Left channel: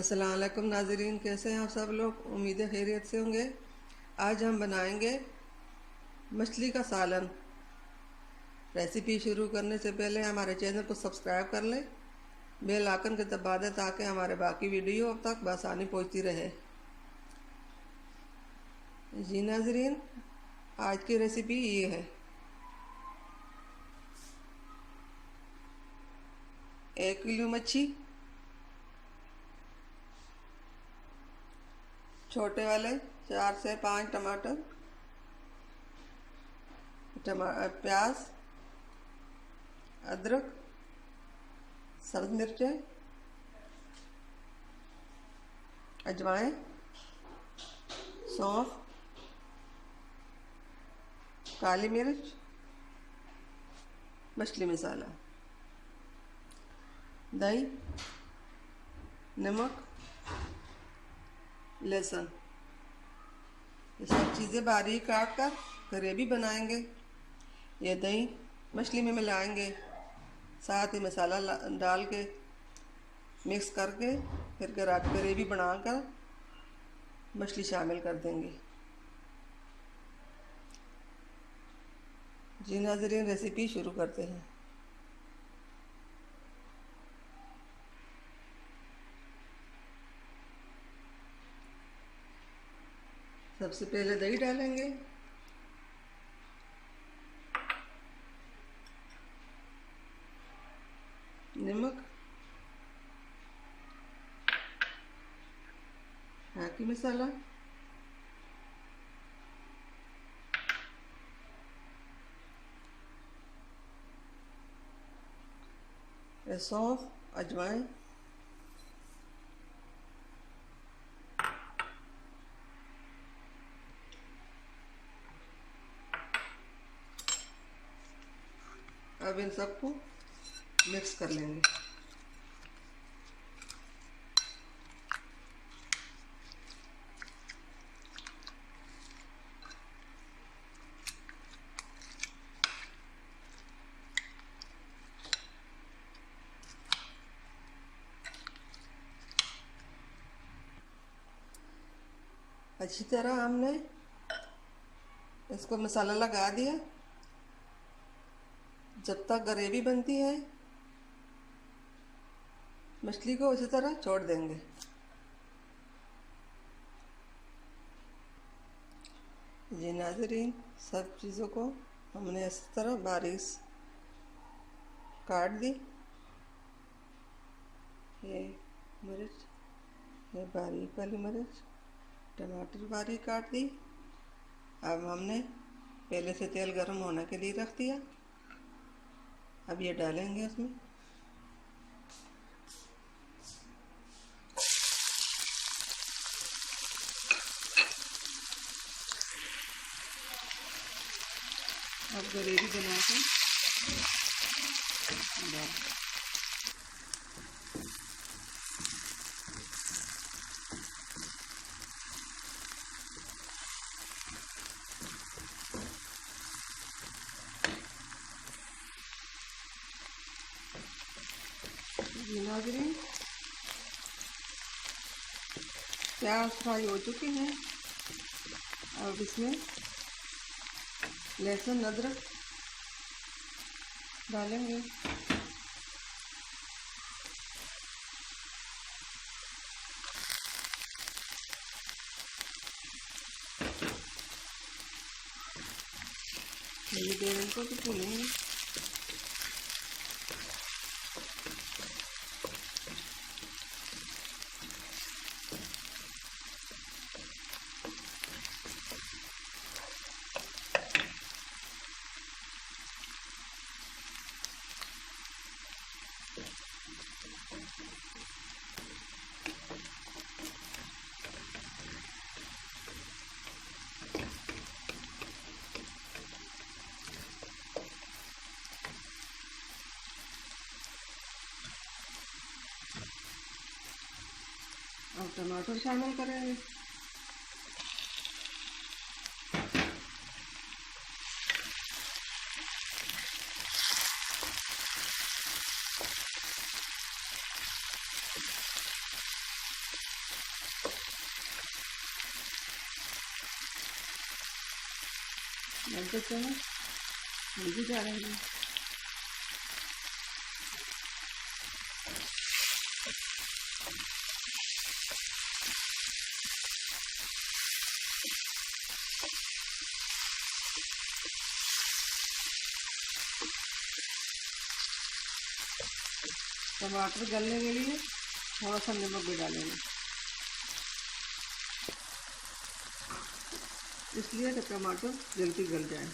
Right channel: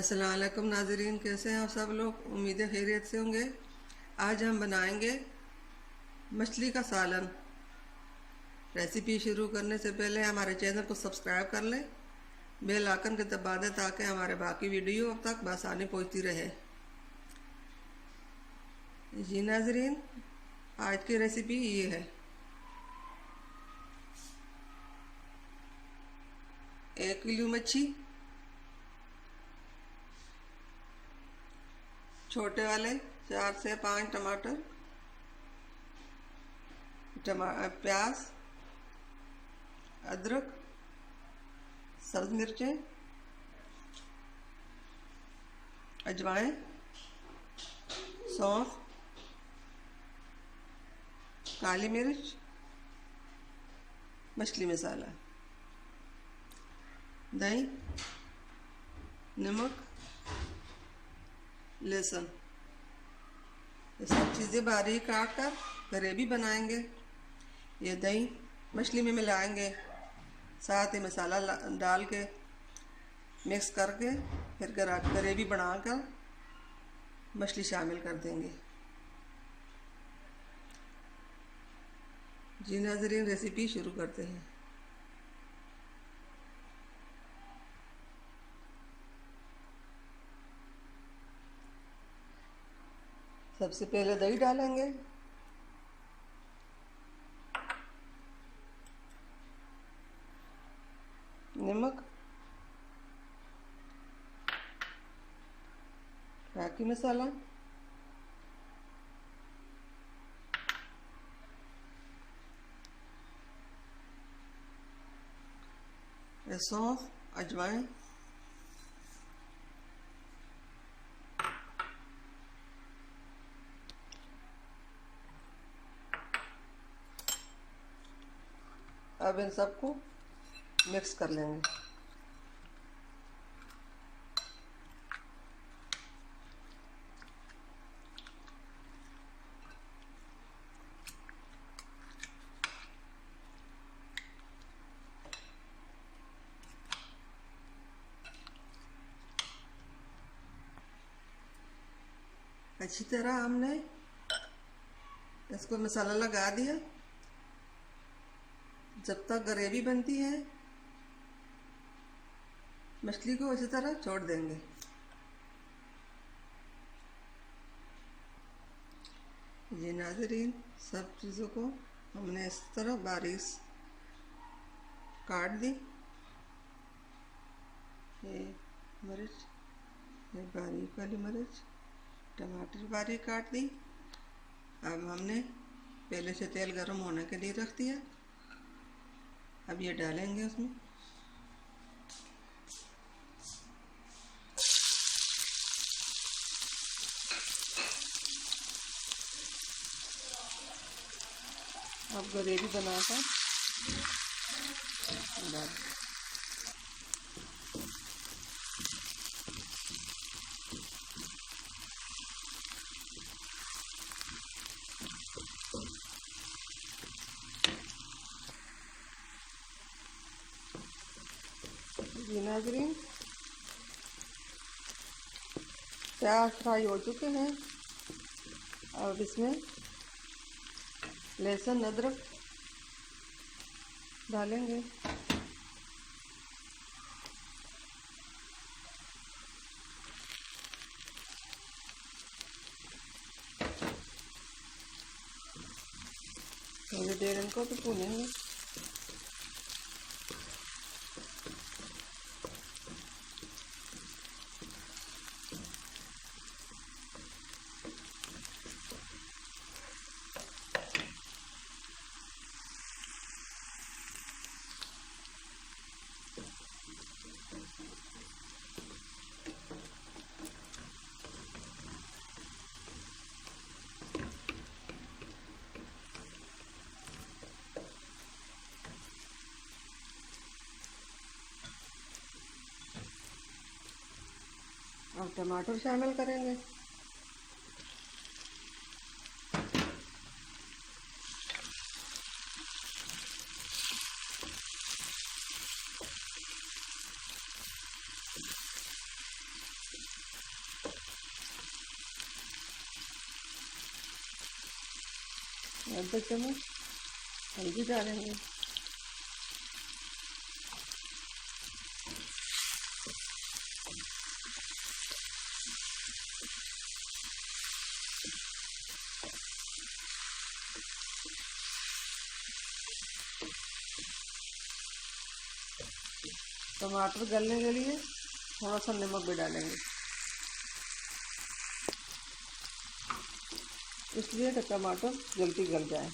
अस्सलाम वालेकुम नाज़रीन, कैसे हैं आप सब लोग। उम्मीद है खैरियत से होंगे। आज हम बनाएंगे मछली का सालन। रेसिपी शुरू करने से पहले हमारे चैनल को सब्सक्राइब कर लें, बेल आइकन के दबा दें ताकि हमारे बाकी वीडियो अब तक बआसानी पहुंचती रहे। जी नाज़रीन, आज की रेसिपी ये है। 1 किलो मच्छी, छोटे वाले 4 से 5 टमाटर, प्याज, अदरक, सब्ज़ मिर्चें, अजवाइन, सौंफ, काली मिर्च, मछली मसाला, दही, नमक, लहसुन। ये सब चीज़ें बारीक काट कर ग्रेवी बनाएंगे। ये दही मछली में मिलाएंगे, साथ ही मसाला डाल के मिक्स करके फिर ग्रेवी बनाकर मछली शामिल कर देंगे। जी नाज़रीन, रेसिपी शुरू करते हैं। सबसे पहले दही डालेंगे, नमक, मैगी मसाला, सौंफ, अजवाइन, अब इन सबको मिक्स कर लेंगे। अच्छी तरह हमने इसको मसाला लगा दिया। जब तक ग्रेवी बनती है मछली को इसी तरह छोड़ देंगे। ये नाज़रीन, सब चीज़ों को हमने इस तरह बारीक काट दी। ये मिर्च, ये बारीक वाली मिर्च, टमाटर बारीक काट दी। अब हमने पहले से तेल गर्म होने के लिए रख दिया। अब ये डालेंगे उसमें। अब ग्रेवी बनाकर डाल। ये नाज़रीन, प्याज फ्राई हो चुके हैं। अब इसमें लहसुन अदरक डालेंगे। थोड़ी देर इनको भी भूनेंगे। अब टमाटर शामिल करेंगे। आधा चम्मच हल्दी डालेंगे। टमाटर गलने के लिए थोड़ा सा नमक भी डालेंगे, इसलिए कि टमाटर जल्दी गल जाए।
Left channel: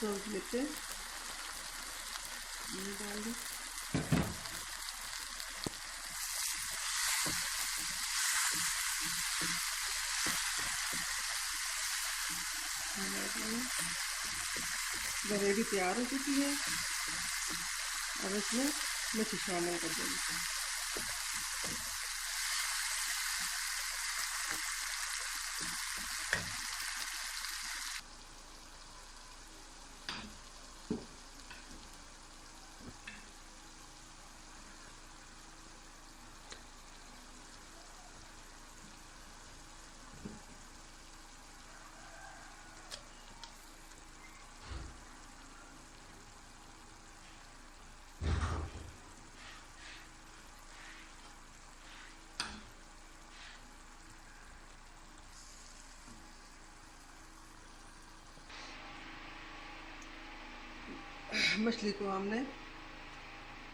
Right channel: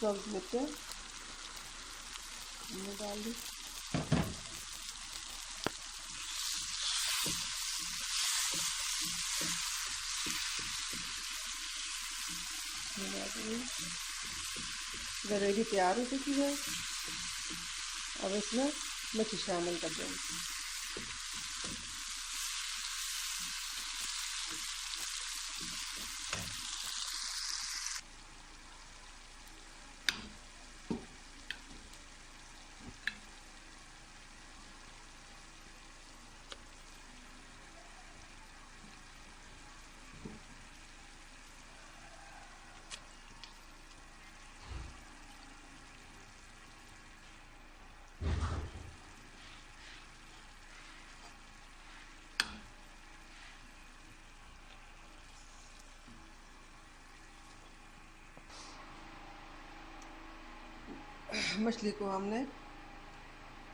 सब मिर्चें हमने डाल दी। ग्रेवी तैयार हो चुकी है। अब इसमें मछली शामिल कर देंगे। मछली को हमने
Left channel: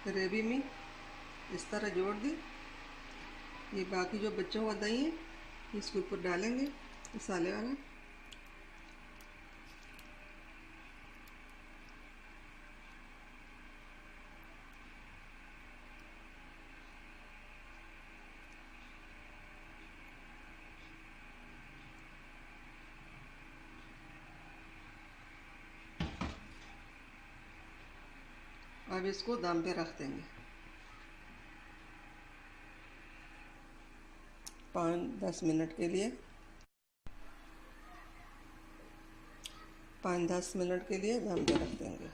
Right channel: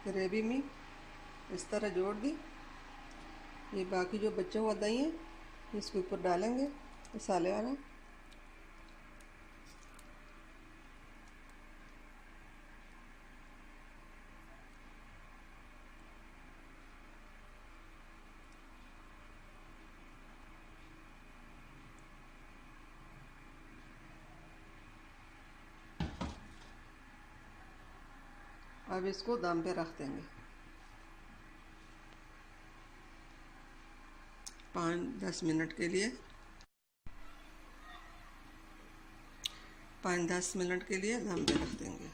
ग्रेवी में इस तरह जोड़ दी। ये बाकी जो बचा हुआ दही है इसके ऊपर डालेंगे मसाले वाला। अब इसको दम पे रख देंगे 5-10 मिनट के लिए। 5-10 मिनट के लिए दम पे रख देंगे।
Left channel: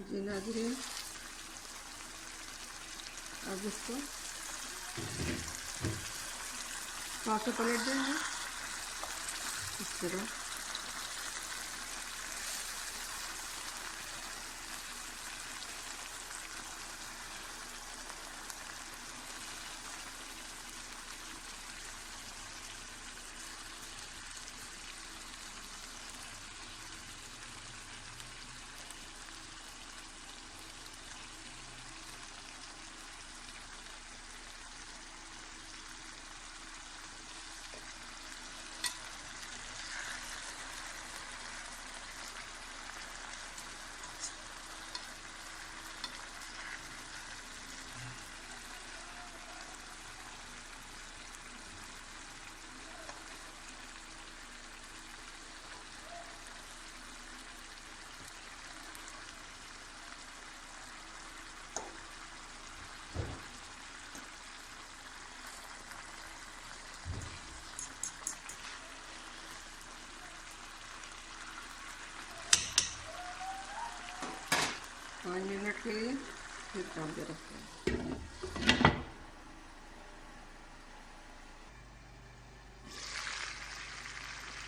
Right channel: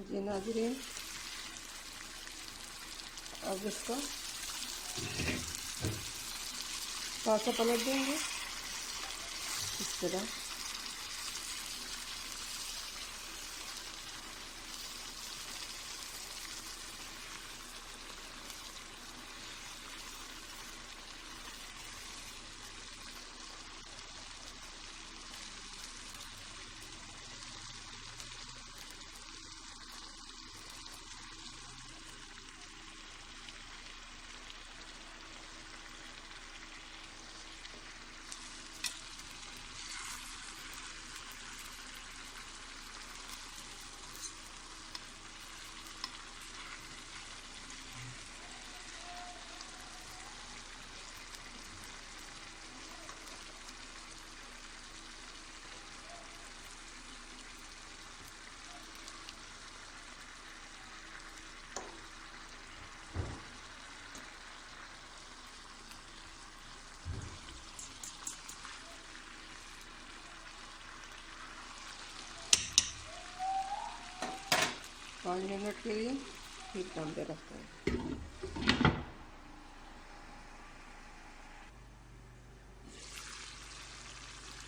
जी नाज़रीन, अब इसको पासा पलट देंगे इस तरह। पाँच मिनट के लिए फिर दम पे रखते हैं।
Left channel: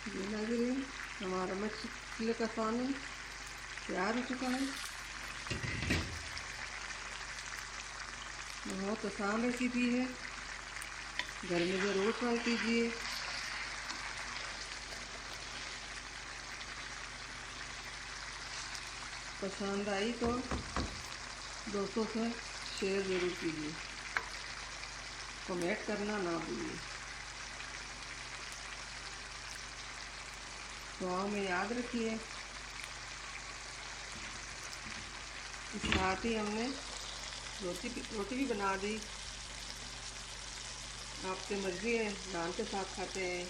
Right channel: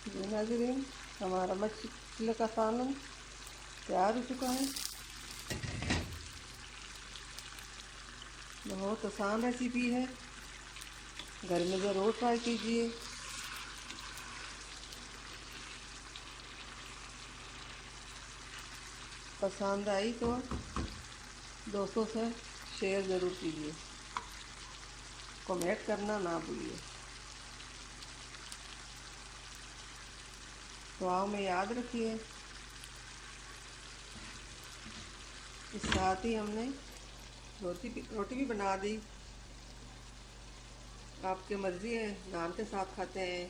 जी नाज़रीन, हमारा मछली का सालन तैयार हो चुका है। बहुत आसान रेसिपी है, घर में ज़रूर ट्राई कीजिए। पसंद आई तो दोस्तों से शेयर ज़रूर कीजिए, कमेंट करना ना भूलिए। दुआओं में याद रखिए। इस साथ ही हमने रोटी भी बना दी। आपकी मर्ज़ी है, नान के साथ खाते हैं,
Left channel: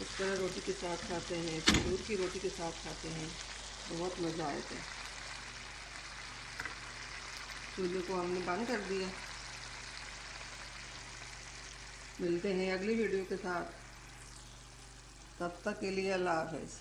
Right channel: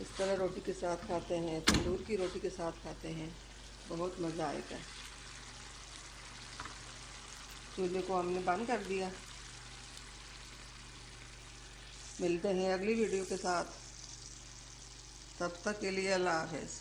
इस तरह रोटी के साथ खाते हैं, तंदूर की रोटी के साथ खाते हैं, बहुत मज़ा आता है। चूल्हे को हमने बंद कर दिया। मिलते हैं अगली वीडियो के साथ, तब तक के लिए अल्लाह हाफ़िज़।